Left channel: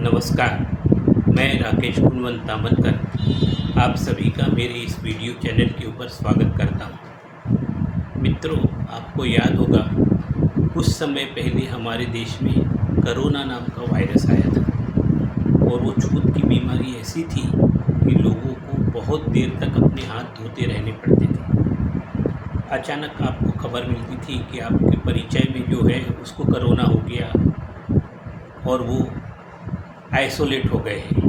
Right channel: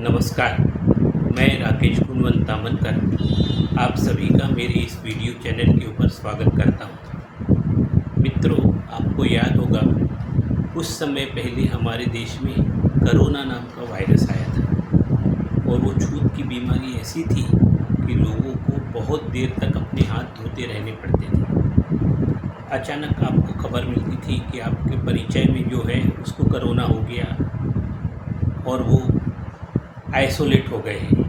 नमस्कार, मैं राकेश गुणवंत तामनकर आप सभी का मेरे इस वीडियो चैनल के ऊपर स्वागत करता हूँ। मित्रों, आपको याद होगा कुछ समय पहले हमारे देश में कोरोना नाम का वायरस आया था और वो छूत की बीमारी ऐसी थी कि लोगों को बहुत देर तक अपने हाथ धोते रहने पड़ते थे। अचानक आपको खबर मिलती थी कि आपके परिचय में जो है उसको कोरोना हो गया और वो आइसोलेट हो गए हैं।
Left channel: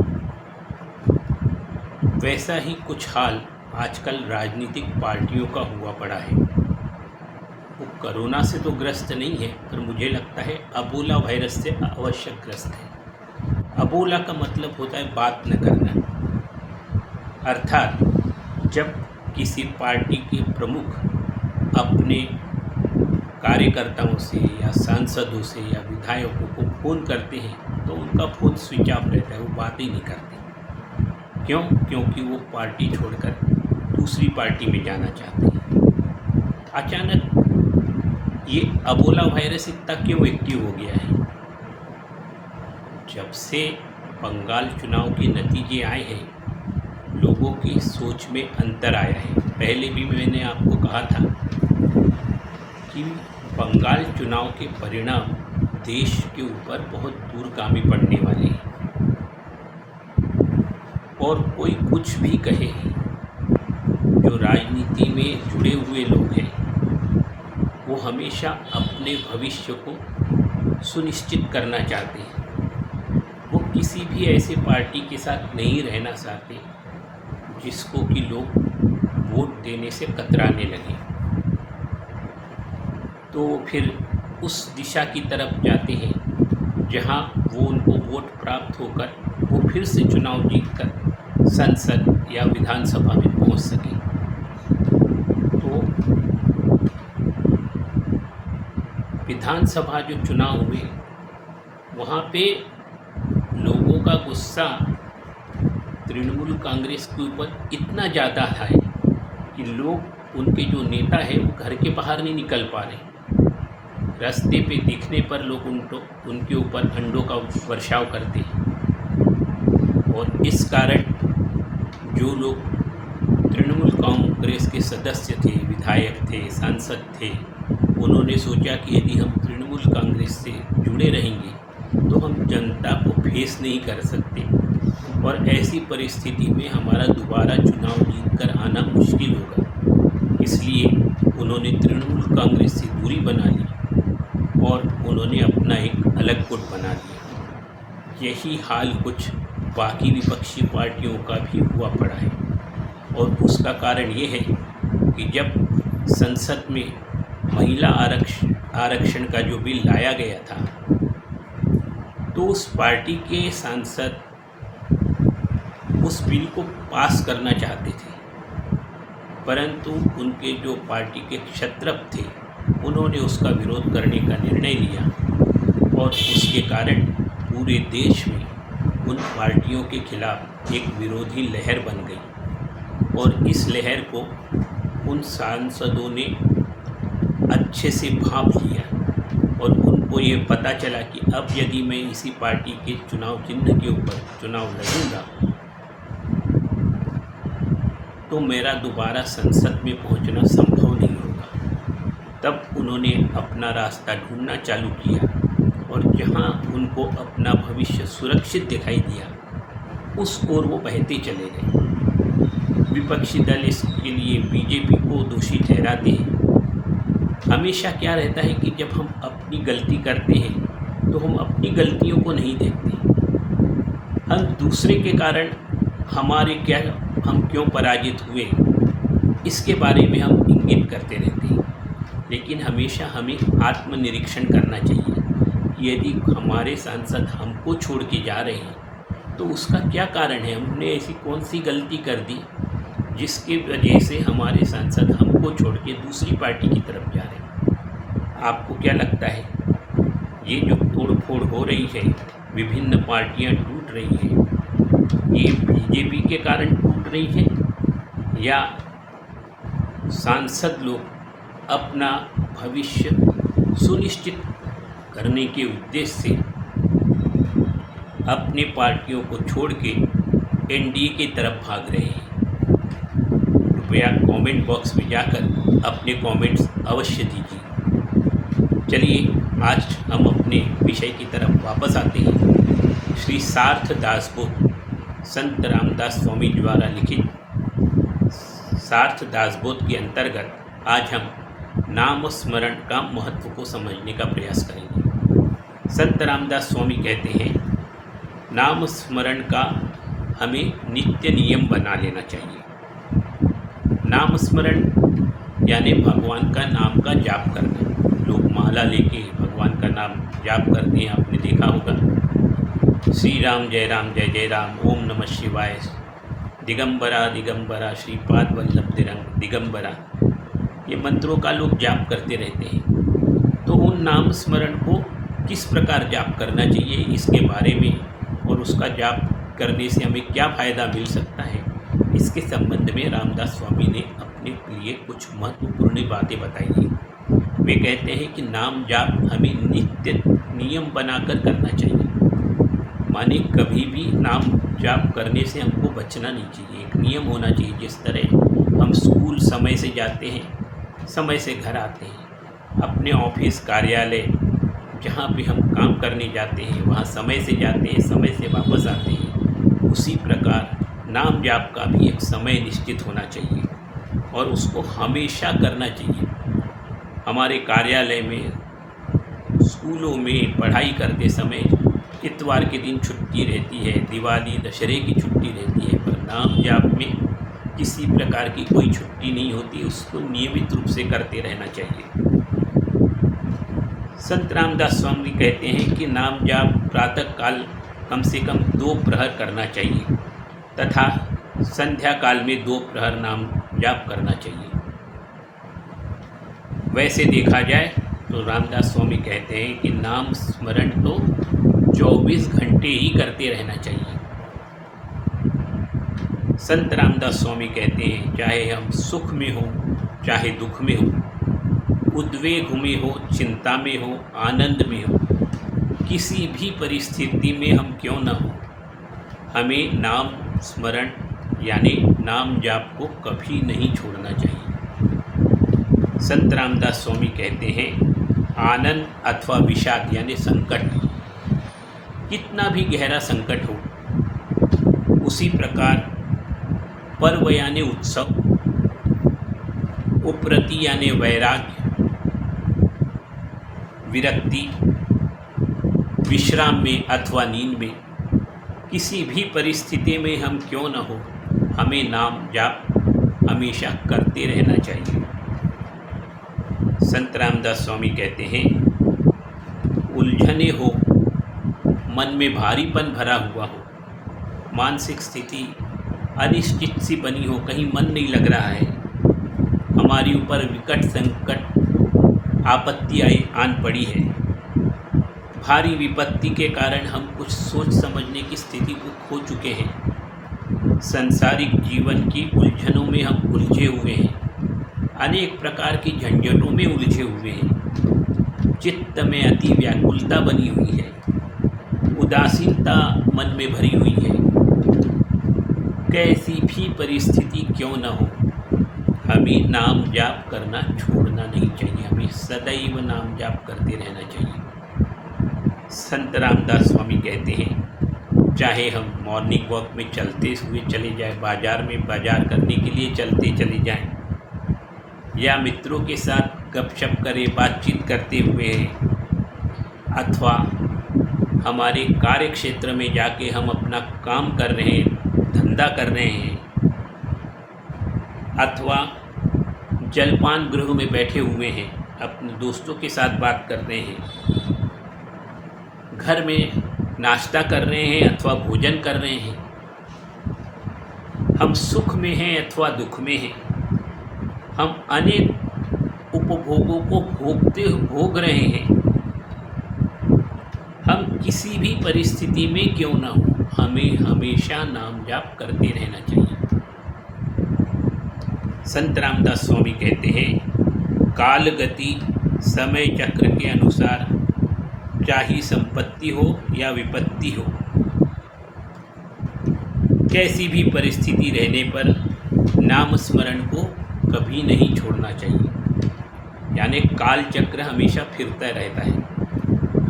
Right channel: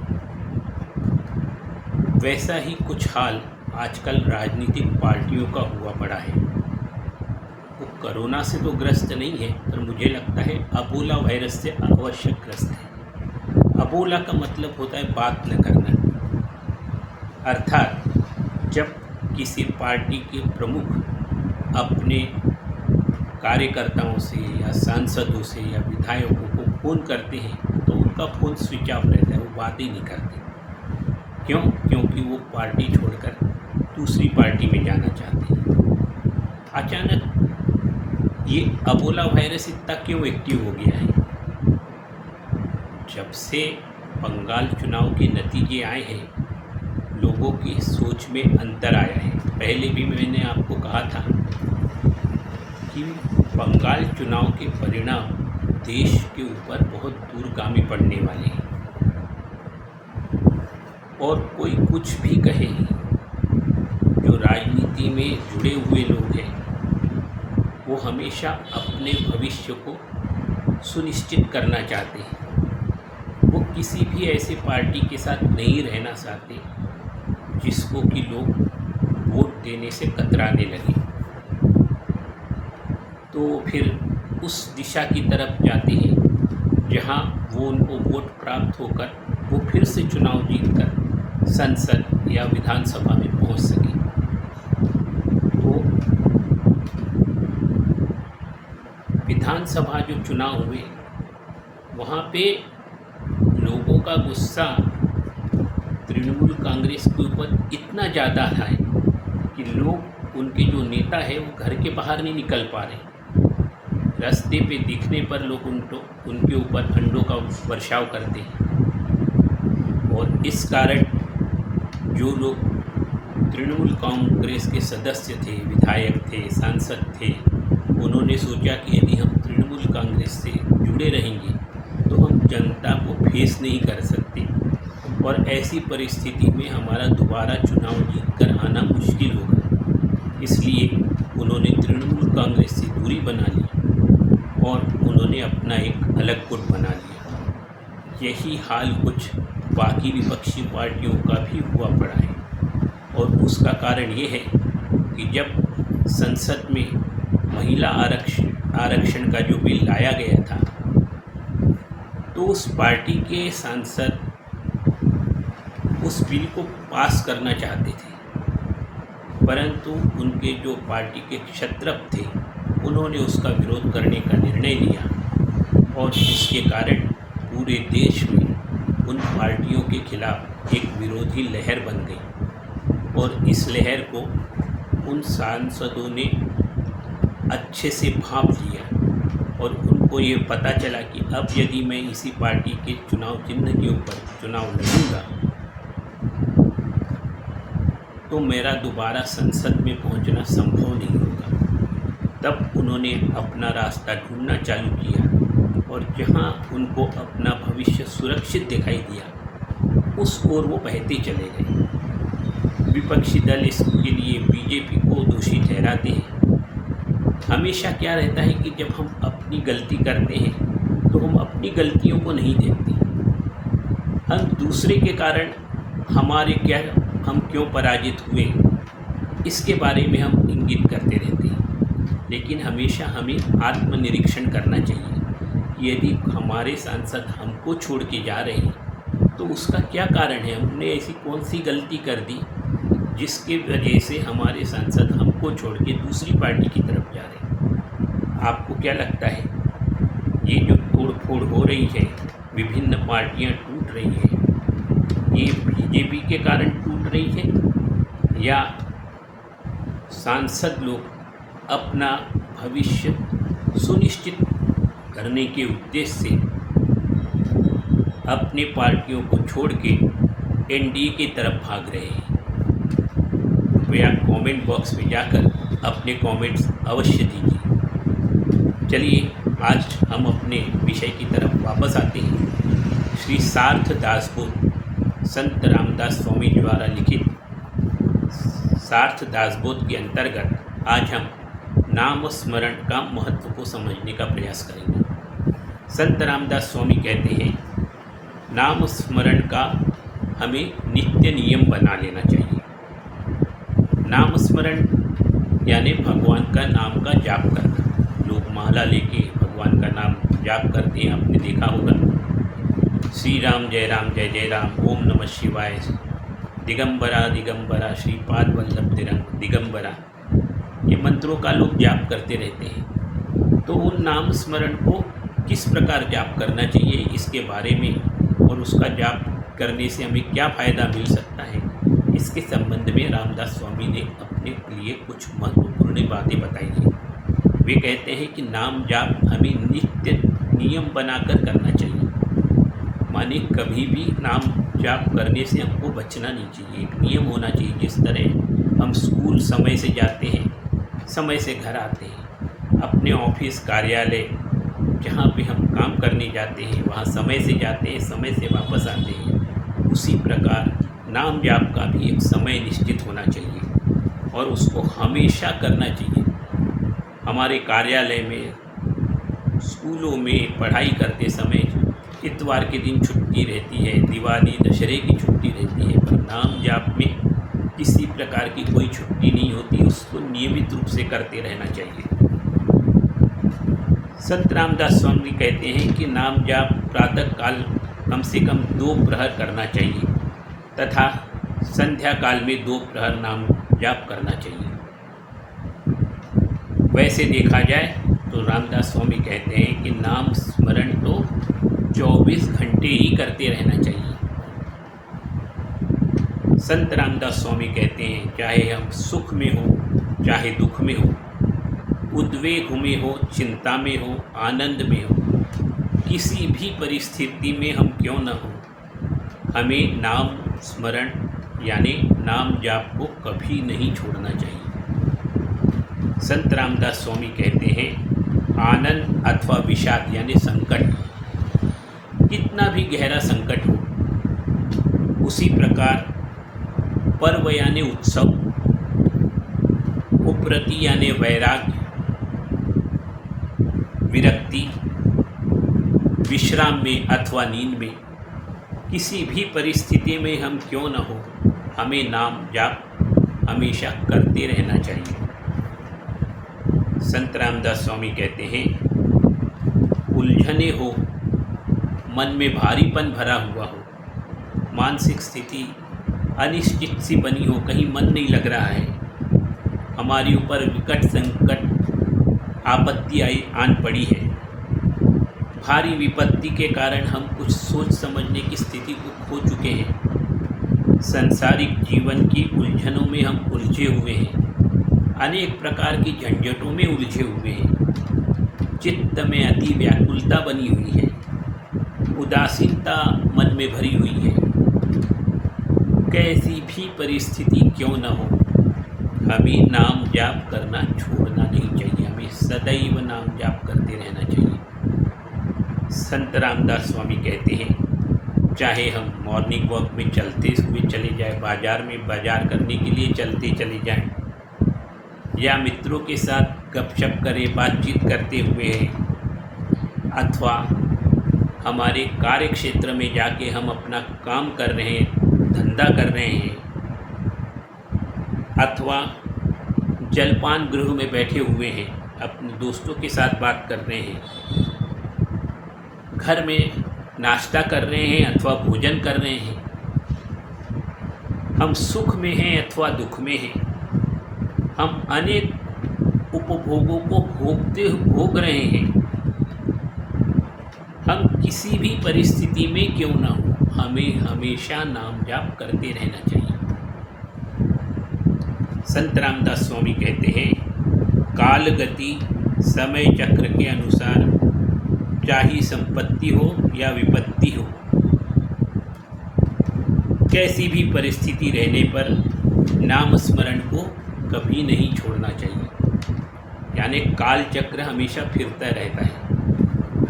वैसा ही कुछ हाल आजकल राजनीतिक पार्टियों का हुआ पड़ा है। वो कोरोना से तो ग्रस्त नहीं है, पर मुझे लगता है अबोला वायरस से अवश्य ग्रस्त है। अबोला का मतलब होता है बात न करना, अर्थात जब किसी पार्टी के प्रमुख अपने कार्यकर्ताओं से या सांसदों से या विधायकों को फ़ोन करते हैं तो उनका फ़ोन स्विच ऑफ रहता है, वो बात ही नहीं करते। क्यों? क्योंकि वो पार्टी छोड़कर दूसरी पार्टी में जाना चाहते हैं। अचानक ये अबोला वायरस इतना क्यों एक्टिव हो गया है? जब से बंगाल चुनाव के नतीजे आए हैं, लोगों की सोच में अंतर आया है। पहले भी मैंने आपको कहा था कि बंगाल चुनाव के परिणाम देश के ऊपर बहुत दूरगामी पड़ने वाले हैं। और कोई कुछ भी कहे, जो राजनीति में जुड़े हुए लोग हैं वो हमेशा अपने भविष्य को सुनिश्चित करना चाहते हैं। वो किसी भी ऐसे पार्टी के साथ नहीं रहना चाहते जिसको कि लोग वोट देने से कतराने लगे, तो फिर उस दिशा की तरफ जाते हैं जहां वो उनको वोट प्राप्त होकर वो फिर से चुनाव जीतकर संसद या विधानसभा में पहुंच सके। तो विधानसभा जो चुनाव हुए वहाँ पे लोगों का गुस्सा तृणमूल कांग्रेस के ऊपर इतना ज़्यादा है कि लोग उनके जो नेता है वो घर के बाहर नहीं निकल पा रहे। रास्ते पे दिखने पर लोग उनके ऊपर अंडों का वर्षाव करते हैं। और इस कारण जो लोग तृणमूल कांग्रेस के सदस्य थे, विधायक थे, सांसद थे, उन्होंने सोचा कि यदि हम तृणमूल कांग्रेस से जुड़े रहेंगे तो हम जनता को फेस नहीं कर सकते और ऐसी परिस्थिति में हमारा दोबारा चुनाव जीतकर आना मुश्किल होगा। इसलिए उन्होंने तृणमूल कांग्रेस से दूरी बना ली और उन्होंने अपना एक अलग गुट बना लिया। यही हाल कुछ बाकी विपक्षी पार्टियों का भी हुआ पड़ा है और उसका कारण ये है कि जब संसद में महिला आरक्षण का जो बिल लाया गया था तो उस पार्टी के सांसद उस बिल को पास करना चाहते थे, परंतु उनके जो पार्टी के क्षत्रप थे उन्होंने उसका विरोध करने का निर्णय लिया और उसके कारण पूरे देश में उन पार्टियों के खिलाफ एक विरोधी लहर बन गई और इस लहर को उन सांसदों ने अच्छे से भांप लिया और उनको ये पता चला कि अब यदि मैं इसी पार्टी के चुनाव चिन्ह के ऊपर चुनाव लड़ूंगा तो मेरा दोबारा संसद में पहुंचना संभव नहीं होगा। तब उन्होंने अपना रास्ता ढूंढना चालू किया और जहां उनको अपना भविष्य सुरक्षित दिखाई दिया उस ओर वो बहते चले गए। विपक्षी दल इसके लिए बीजेपी को दोषी ठहराते हैं। हमेशा क्या रहता है कि जब हम अपनी गलती करते हैं तो हम अपनी गलतियों को नहीं देखते, हम दूसरे के कारण हम क्यों पराजित हुए इसके बारे में हम इंगित करते रहते हैं। लेकिन हमेशा हमें आत्मनिरीक्षण करना चाहिए कि यदि हमारे सांसद हमको छोड़ के जा रहे हैं तो उसका क्या कारण है, हमने ऐसी कौन सी गलती कर दी जिसके वजह से हमारे सांसद हमको छोड़ के दूसरी पार्टी की तरफ जा रहे हैं। आपको क्या लगता है, ये जो तोड़ फोड़ हो रही है, विभिन्न पार्टियां टूट रही हैं, ये बीजेपी के कारण टूट रही है या सांसद लोग अपना भविष्य सुनिश्चित करने के उद्देश्य से अपनी पार्टियों को छोड़ के एनडीए की तरफ भाग रहे हैं। कृपया कमेंट बॉक्स में जाकर अपने कमेंट्स अवश्य दीजिए। चलिए आज हम अपने विषय की तरफ वापस आते हैं। श्री सार्थ दासबोध संत रामदास स्वामी द्वारा लिखित सार्थ दासबोध के अंतर्गत आज हम नाम स्मरण का महत्व को समझने का प्रयास करेंगे। संत रामदास स्वामी कहते हैं, नाम स्मरण का हमें नित्य नियम बना लेना चाहिए। नाम स्मरण यानी भगवान का नाम का जाप करना। लोग माला लेके भगवान का नाम जाप करते हैं, आपने देखा होगा। श्री राम जय जय राम, ओम नमः शिवाय, दिगंबरा दिगंबरा, श्रीपाद वल्लभ दिगंबरा, ये मंत्रों का लोग जाप करते रहते हैं। तो उन नाम स्मरण को किस प्रकार जाप करना चाहिए, इसके बारे में और उसका जाप करने से हमें क्या फ़ायदा मिल सकता है, इसके संबंध में रामदास स्वामी ने अपने लिए कुछ महत्वपूर्ण बातें बताई हैं। वे कहते हैं कि नाम जाप हमें नित्य नियम बनाकर करना चाहिए। माने कभी भी नाम जाप करने से हमको बचना नहीं चाहिए। एक नियम होना चाहिए। जिस तरह हम स्कूल समय से जाते हैं, समय से घर आते हैं, अपने ऑफिस कार्यालय जहाँ पे हम काम करने जाते हैं वहाँ समय से जाते हैं, समय से वापस आते हैं, उसी प्रकार नाम जाप का भी एक समय निश्चित होना चाहिए और उसको हमेशा करना चाहिए। हमारे कार्यालय में, स्कूलों में पढ़ाई करते समय इतवार के दिन छुट्टी रहती है, दिवाली दशहरे की छुट्टी रहती है, पर नाम जाप में किसी प्रकार की कोई छुट्टी नहीं होती। उसको नियमित रूप से करते रहना चाहिए। संत रामदास स्वामी कहते हैं कि नाम जाप प्रातः काल कम से कम 2 प्रहर करना चाहिए तथा संध्या काल में 2 प्रहर नाम जाप करना चाहिए। वैसे देखा जाए तो रामदास स्वामी कहते हैं कि नाम स्मरण तो 24 घंटे ही करते रहना चाहिए। संत रामदास स्वामी कहते हैं, चाहे हम सुख में हो चाहे दुख में हो, उद्वेग में हो, चिंता में हो, आनंद में हो, किसी भी परिस्थिति में हम क्यों न हो, हमें नाम स्मरण यानी नाम जाप को कभी नहीं छोड़ना चाहिए। संत रामदास स्वामी कहते हैं, आनंद अथवा विषाद यानी संकट, कितना भी गहरा संकट हो, उसी प्रकार पर्व यानी उत्सव, उपरति यानी वैराग्य, विरक्ति, विश्राम में अथवा नींद में, किसी भी परिस्थिति में हम क्यों न हो, हमें नाम जाप हमेशा करते रहना चाहिए। संत रामदास स्वामी कहते हैं, उलझने हो, मन में भारीपन भरा हुआ हो, मानसिक स्थिति अनिश्चित सी बनी हो, कहीं मन नहीं लग रहा है, हमारे ऊपर विकट संकट आपत्ति आन पड़ी है, भारी विपत्ति के कारण हम कुछ सोच समझने की स्थिति को खो चुके हैं, सांसारिक जीवन की उलझनों में हम उलझे हुए हैं, अनेक प्रकार की झंझटों में उलझे हुए हैं, चित्त में अति व्याकुलता बनी हुई है, उदासीनता मन में भरी हुई है। कैसी भी परिस्थिति क्यों न हो, हमें नाम जाप करना छोड़ना नहीं चाहिए। हमें सदैव नाम जाप करते रहना चाहिए। संत रामदास स्वामी कहते हैं, चाहे हम मॉर्निंग वॉक में चलते हुए चले जाएं, बाज़ार में बाज़ार करने के लिए चलते चले जाएं, या मित्रों के साथ गपशप करें, बातचीत करते हुए, अथवा हमारे कार्य क्षेत्र में जाके हम अपना काम कर रहे हैं, धंधा कर रहे हैं, अथवा जलपान गृह में बैठे हुए हैं, अपने दोस्तों के साथ बात कर रहे हैं, घर में नाश्ता कर रहे हैं अथवा भोजन कर रहे हैं, हम सुख में हैं अथवा दुख में हैं, हम अनेक उपभोगों को भोग रहे हैं, हम किसी भी परिस्थिति में क्यों ना हो, हमें हमेशा नाम जाप करते रहना चाहिए। संत रामदास स्वामी कहते हैं, काल गति समय चक्र के अनुसार चाहे संपत्ति हो या विपत्ति हो, कैसी भी परिस्थिति रहने पर नाम स्मरण को कभी नहीं छोड़ना चाहिए। यानी काल चक्र हमेशा फिरता रहता है।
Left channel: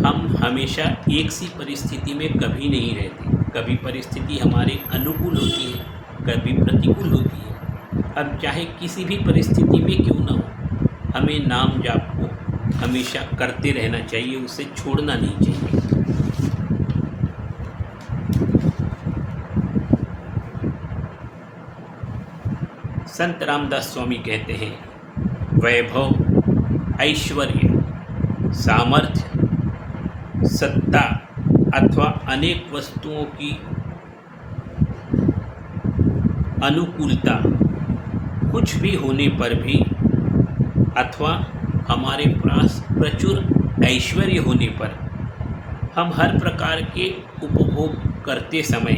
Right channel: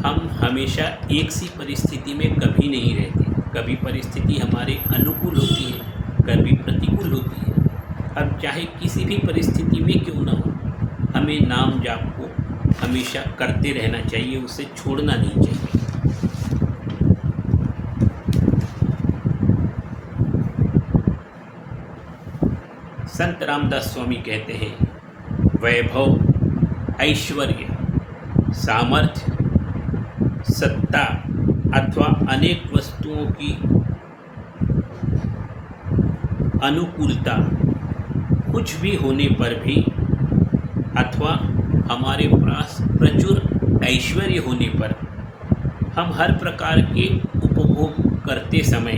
हम हमेशा एक सी परिस्थिति में कभी नहीं रहते। कभी परिस्थिति हमारे अनुकूल होती है, कभी प्रतिकूल होती है। अब चाहे किसी भी परिस्थिति में क्यों ना हो, हमें नाम जाप को हमेशा करते रहना चाहिए, उसे छोड़ना नहीं चाहिए। संत रामदास स्वामी कहते हैं, वैभव, ऐश्वर्य, सामर्थ्य, सत्ता अथवा अनेक वस्तुओं की अनुकूलता कुछ भी होने पर भी अथवा हमारे पास प्रचुर ऐश्वर्य होने पर हम हर प्रकार के उपभोग करते समय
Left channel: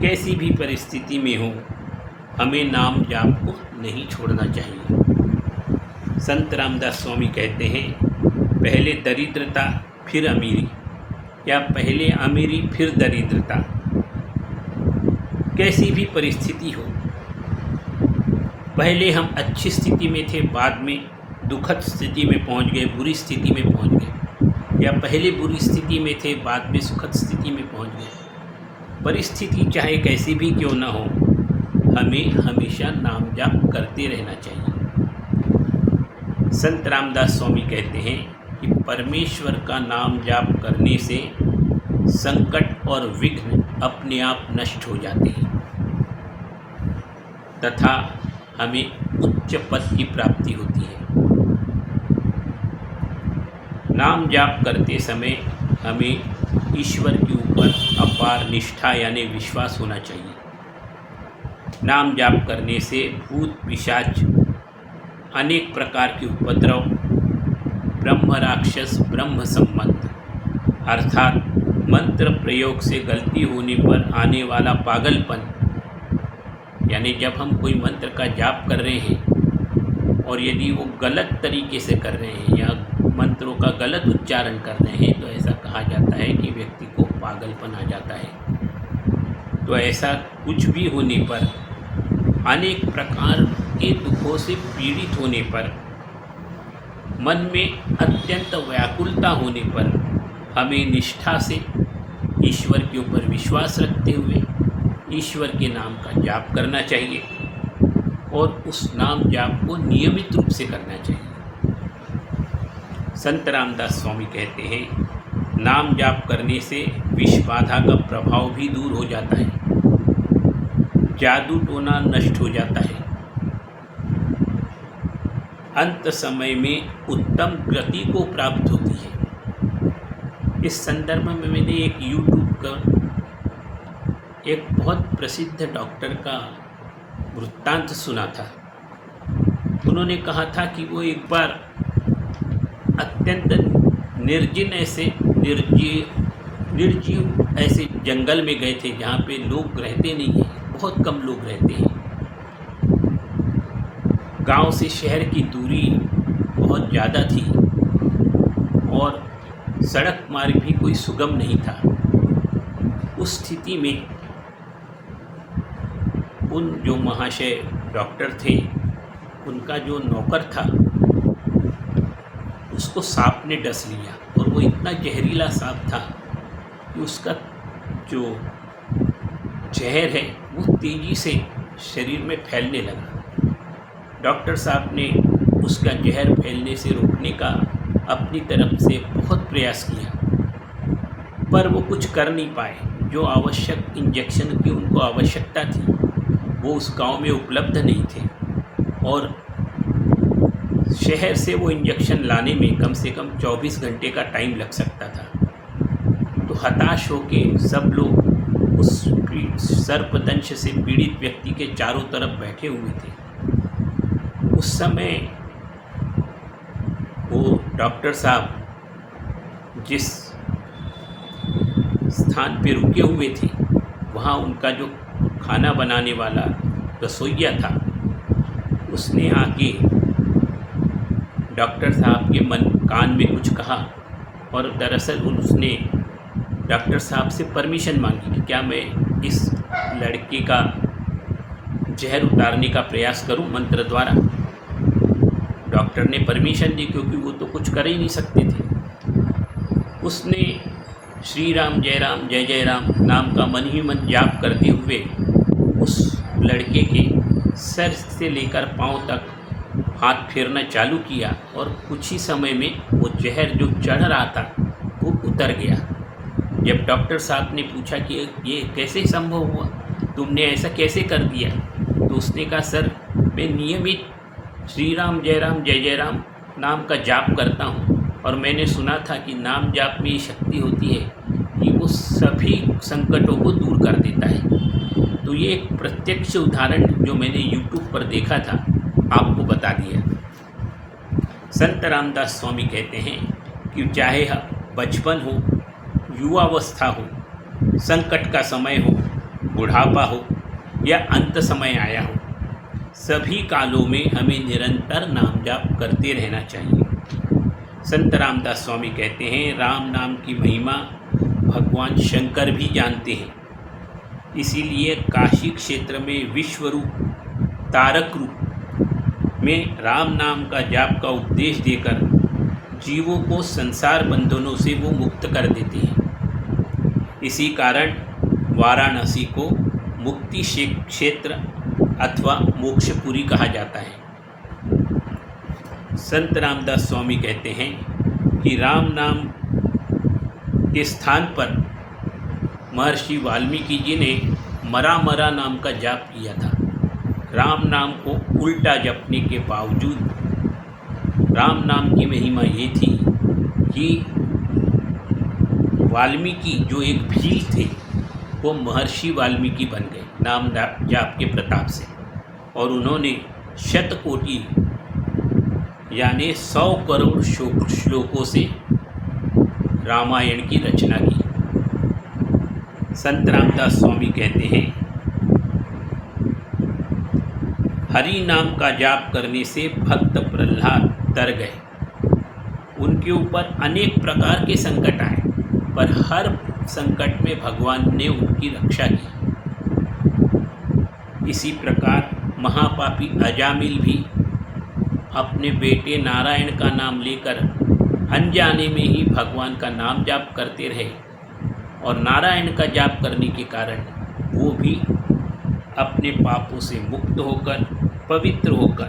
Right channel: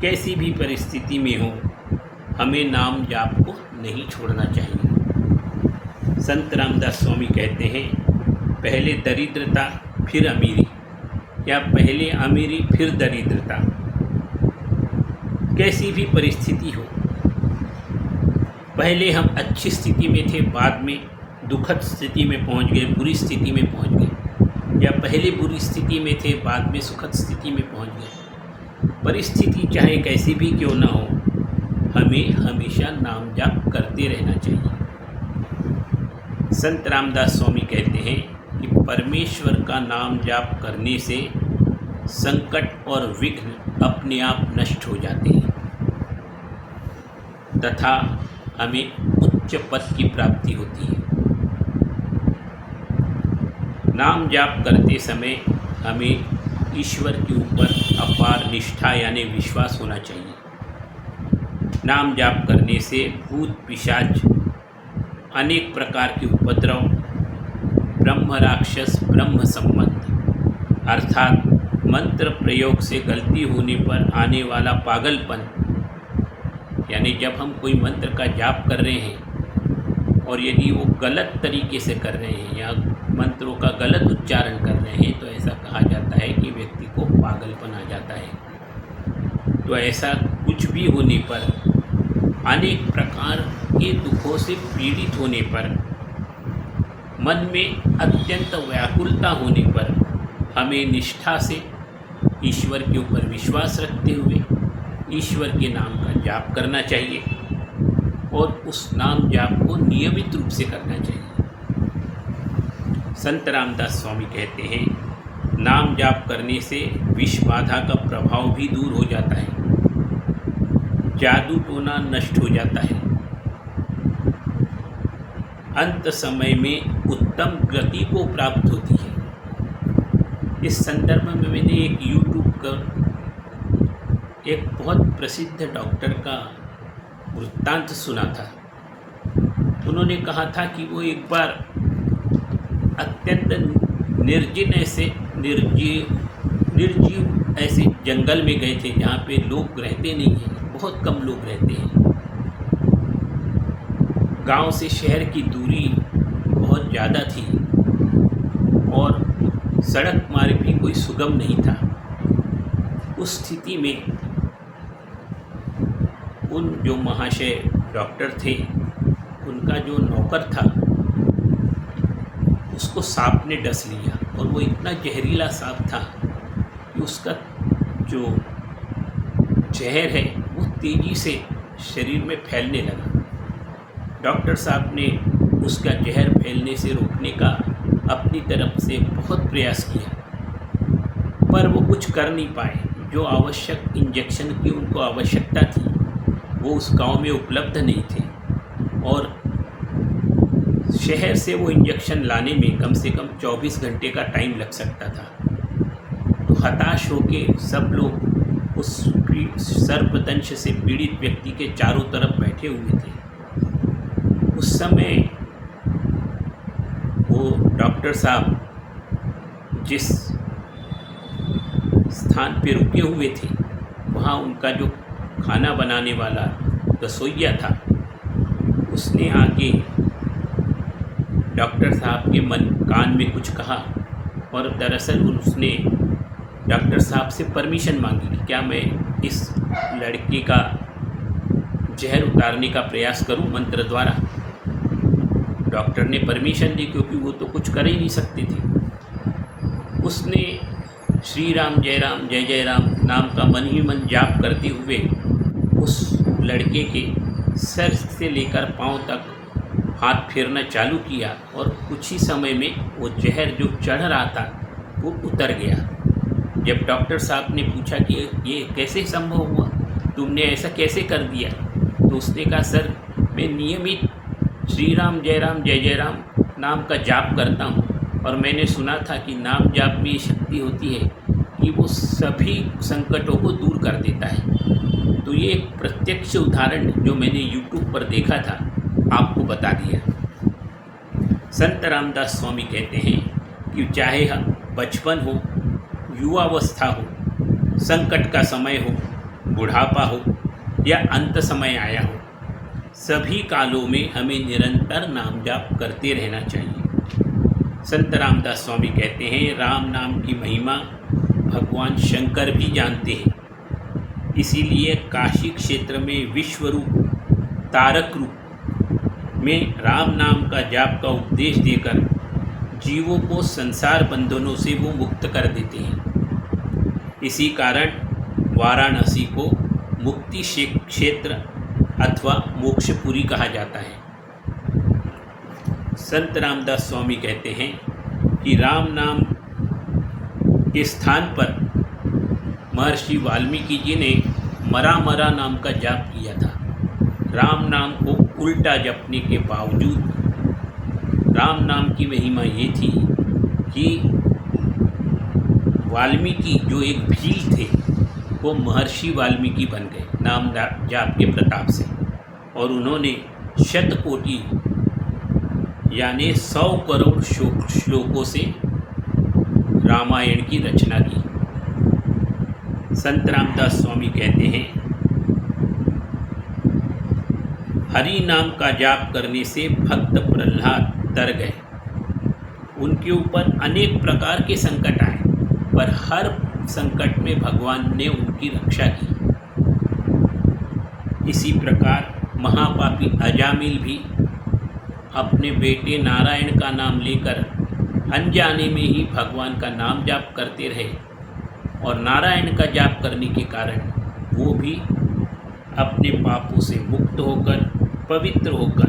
कैसी भी परिस्थिति में हो, हमें नाम जाप को नहीं छोड़ना चाहिए। संत रामदास स्वामी कहते हैं, पहले दरिद्रता फिर अमीरी, या पहले अमीरी फिर दरिद्रता। कैसी भी परिस्थिति हो, पहले हम अच्छी स्थिति में थे, बाद में दुखद स्थिति में पहुंच गए, बुरी स्थिति में पहुंच गए, या पहले बुरी स्थिति में थे, बाद में सुखद स्थिति में पहुंच गए। परिस्थिति चाहे कैसी भी क्यों ना हो, हमें हमेशा नाम जाप करते रहना चाहिए। संत रामदास स्वामी कहते हैं कि परमेश्वर का नाम जाप करने से संकट और विघ्न अपने आप नष्ट हो जाते हैं तथा हमें उच्च पद की प्राप्ति होती है। नाम जाप करते समय हमें ईश्वर के ऊपर अपार निष्ठा यानी विश्वास होना चाहिए। नाम जाप करने से भूत पिशाच, अनेक प्रकार के उपद्रव, ब्रह्म राक्षस ब्रह्म संबंध अर्थात मंत्र प्रयोग से गलती होने पर आने वाला पागलपन, यानी जब हम कोई मंत्र का जाप कर रहे हैं और यदि वो गलत तरीके से कर रहे हैं या मंत्रों का गलत उच्चारण कर रहे हैं, तो ऐसा कहा जाता है कि व्यक्ति को पागलपन आ जाता है। तो ऐसा कुछ भी होने पर, अनेक प्रकार के दुखों से पीड़ित होने पर, मन में अत्यंत व्याकुलता होने पर हमें निष्ठा से ईश्वर के ऊपर विश्वास रखते हुए ईश्वर के नाम का जाप करना चाहिए और उस नाम जाप को नियमित रूप से करना चाहिए। संत रामदास स्वामी कहते हैं, नाम जाप करने से विष बाधा का प्रभाव भी दूर हो जाता है, जादू टोना नष्ट हो जाता है, अंत समय में उत्तम गति को प्राप्त होती है। इस संदर्भ में मैंने एक यूट्यूब का एक बहुत प्रसिद्ध डॉक्टर का वृत्तांत सुना था। उन्होंने कहा था कि वो एक बार अत्यंत निर्जीव ऐसे जंगल में गए थे जहाँ पे लोग रहते नहीं हैं, बहुत कम लोग रहते हैं। गांव से शहर की दूरी बहुत ज़्यादा थी और सड़क मार्ग भी कोई सुगम नहीं था। उस स्थिति में उन जो महाशय डॉक्टर थे, उनका जो नौकर था, उसको सांप ने डस लिया और वो इतना जहरीला सांप था कि उसका जो जहर है वो तेज़ी से शरीर में फैलने लगा। डॉक्टर साहब ने उसका जहर फैलने से रोकने का अपनी तरफ से बहुत प्रयास किया, पर वो कुछ कर नहीं पाए। जो आवश्यक इंजेक्शन की उनको आवश्यकता थी वो उस गांव में उपलब्ध नहीं थे और शहर से वो इंजेक्शन लाने में कम से कम 24 घंटे का टाइम लग सकता था। तो हताश होके सब लोग उस सर्पदंश से पीड़ित व्यक्ति के चारों तरफ बैठे हुए थे। उस समय वो डॉक्टर साहब जिस स्थान पे रुके हुए थे, वहाँ उनका जो खाना बनाने वाला रसोइया था, उसने आके डॉक्टर साहब के कान में कुछ कहा और दरअसल उसने डॉक्टर साहब से परमिशन मांगी कि क्या मैं इस लड़के का जहर उतारने का प्रयास करूं मंत्र द्वारा। डॉक्टर ने परमिशन दी क्योंकि वो तो कुछ कर ही नहीं सकते थे। उसने श्री राम जय जय राम नाम का मन ही मन जाप करते हुए उस लड़के के सर से लेकर पांव तक हाथ फेरना चालू किया और कुछ ही समय में वो जहर जो चढ़ रहा था वो उतर गया। जब डॉक्टर साहब ने पूछा कि ये कैसे संभव हुआ, तुमने ऐसा कैसे कर दिया, तो उसने कहा सर मैं नियमित श्री राम जय राम नाम का जाप करता हूँ और मैंने सुना था कि नाम जाप में ये शक्ति होती है कि वो सभी संकटों को दूर कर देता है। तो ये एक प्रत्यक्ष उदाहरण जो मैंने YouTube पर देखा था आपको बता दिया। संत रामदास स्वामी कहते हैं कि चाहे बचपन हो, युवावस्था हो, संकट का समय हो, बुढ़ापा हो या अंत समय आया हो, सभी कालों में हमें निरंतर नाम जाप करते रहना चाहिए। संत रामदास स्वामी कहते हैं राम नाम की महिमा भगवान शंकर भी जानते हैं, इसीलिए काशी क्षेत्र में विश्व रूप तारक रूप में राम नाम का जाप का उपदेश देकर जीवों को संसार बंधनों से वो मुक्त कर देते हैं। इसी कारण वाराणसी को मुक्ति क्षेत्र अथवा मोक्षपुरी कहा जाता है। संत रामदास स्वामी कहते हैं कि राम नाम के स्थान पर महर्षि वाल्मीकि जी ने मरा नाम का जाप किया था। राम नाम को उल्टा जपने के बावजूद राम नाम की महिमा ये थी कि वाल्मीकि जो एक भील थे वो महर्षि वाल्मीकि बन गए नाम जाप के प्रताप से, और उन्होंने शतकोटि यानी 100 करोड़ श्लोकों से रामायण की रचना की। संत रामदास स्वामी कहते हैं हरि नाम का जाप करने से भक्त प्रहलाद तर गए। उनके ऊपर अनेक प्रकार के संकट आए, पर हर संकट में भगवान ने उनकी रक्षा की। इसी प्रकार महापापी अजामिल भी अपने बेटे नारायण का नाम लेकर अनजाने में ही भगवान का नाम जाप करते रहे, और नारायण का जाप करने के कारण वो भी अपने पापों से मुक्त होकर पवित्र होकर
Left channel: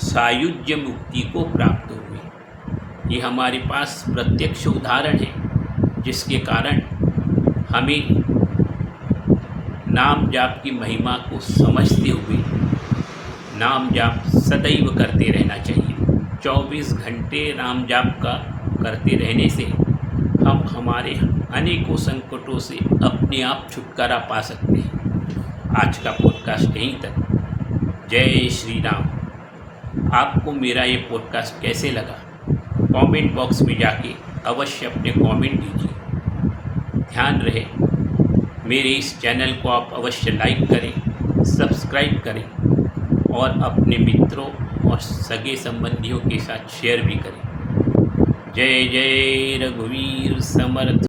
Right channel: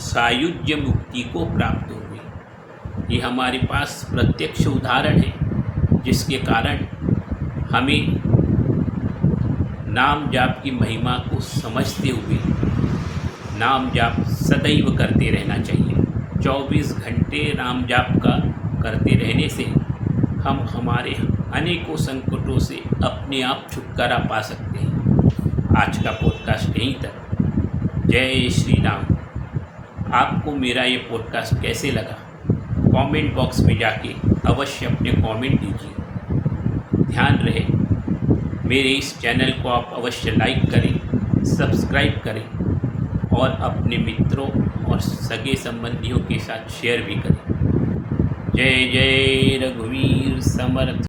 सायुज्य मुक्ति को प्राप्त हुए। ये हमारे पास प्रत्यक्ष उदाहरण है, जिसके कारण हमें नाम जाप की महिमा को समझते हुए नाम जाप सदैव करते रहना चाहिए। 24 घंटे नाम जाप का करते रहने से हम हमारे अनेकों संकटों से अपने आप छुटकारा पा सकते हैं। आज का पॉडकास्ट यहीं तक। जय श्री राम। आपको मेरा ये पॉडकास्ट कैसे लगा, कमेंट बॉक्स में जाके अवश्य अपने कमेंट दीजिए। ध्यान रहे मेरे इस चैनल को आप अवश्य लाइक करें, सब्सक्राइब करें और अपने मित्रों और सगे संबंधियों के साथ शेयर भी करें। जय जय रघुवीर समर्थ।